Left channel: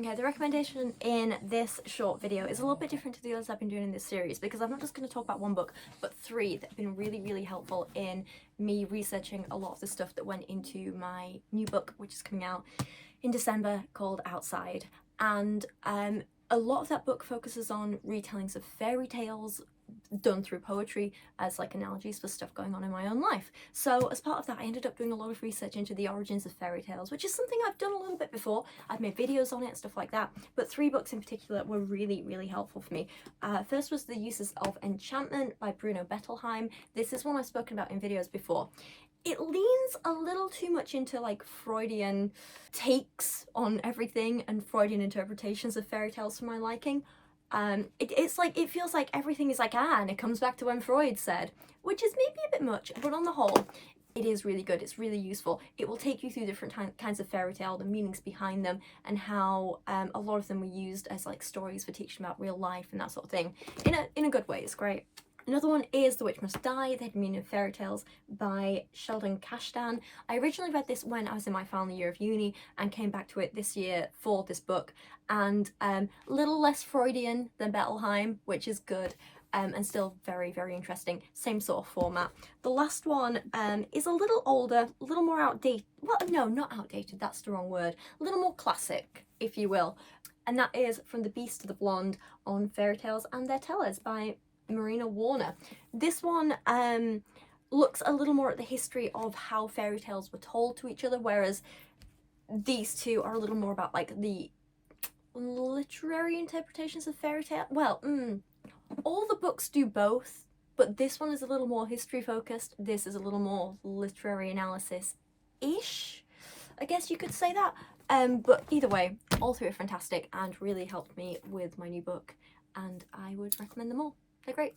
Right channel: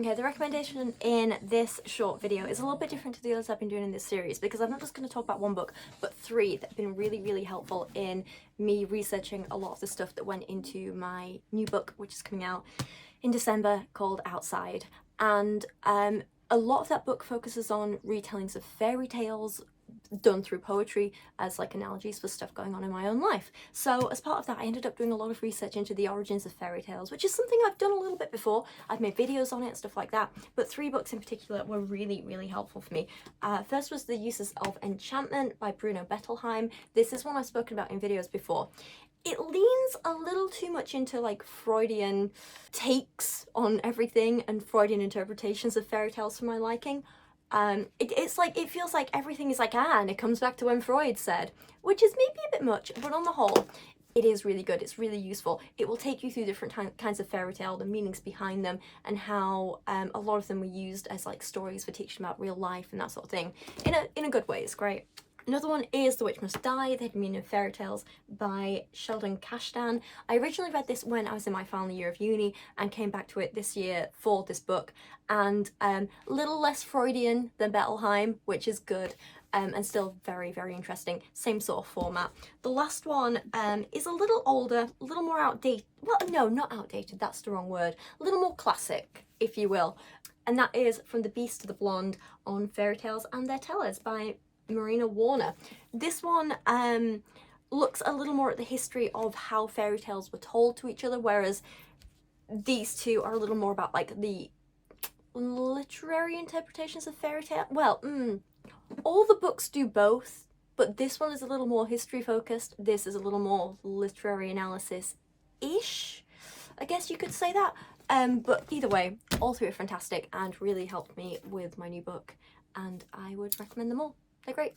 Okay, the recommendation in this short video is a little bit different to the others I've been doing in this series, because I'm not just going to talk about one book, but three that have been really, really helpful in me researching a lot of the stuff that went into my new book, which is coming out in December, called Outside. And a lot of that book focuses on retellings of fairy tales done through poetry as like analogies for stuff going on in my own life. So as part of that, I ended up doing a lot of research into the origins of fairy tales, which is something I've done a little bit before. I've made videos on it and stuff like that, but three books in particular were really, really helpful for me. First was The Uses of Enchantment by Bruno Bettelheim. This is one I've spoken about in videos before. It leans a little too much into like Freudian takes on everything and Freudian interpretations of fairy tales for my liking. It feels like everything is like, and it comes back to when Freud said, which is maybe a bit much, but on the whole, it is really good. It's really useful. It will take you through different kinds of fairy tale, the meanings behind them, and how a lot of them were used as like stories for teaching about real life and that sort of thing. In a good way. It's great. Another one is The Witch Must Die, The Hidden Meaning of Fairy Tales by Sheldon Kashdan. I originally read this when I was in my final year of uni and came back to it this year for this book. And a little less Freudian than Bettelheim, which is good. And still very, very interesting. Same sort of format. The last one is a little older, a little more outdated. Well, no, not outdated, that's the wrong word. A little more classic, if you will. And that is From the Beast to the Blonde on Fairy Tales and Their Tellers by Marina Warner. This one looks a little more at the history of how fairy tales were told to each other, whereas these two are a little more about like the literary interpretations of fairy tale. Well, all the books do both, but this one is a little more history focused. This is a little more literary analysis-ish, I guess you could say that. But either way, all three are fantastic and really helped me with my new book, and I would recommend them all. They're great.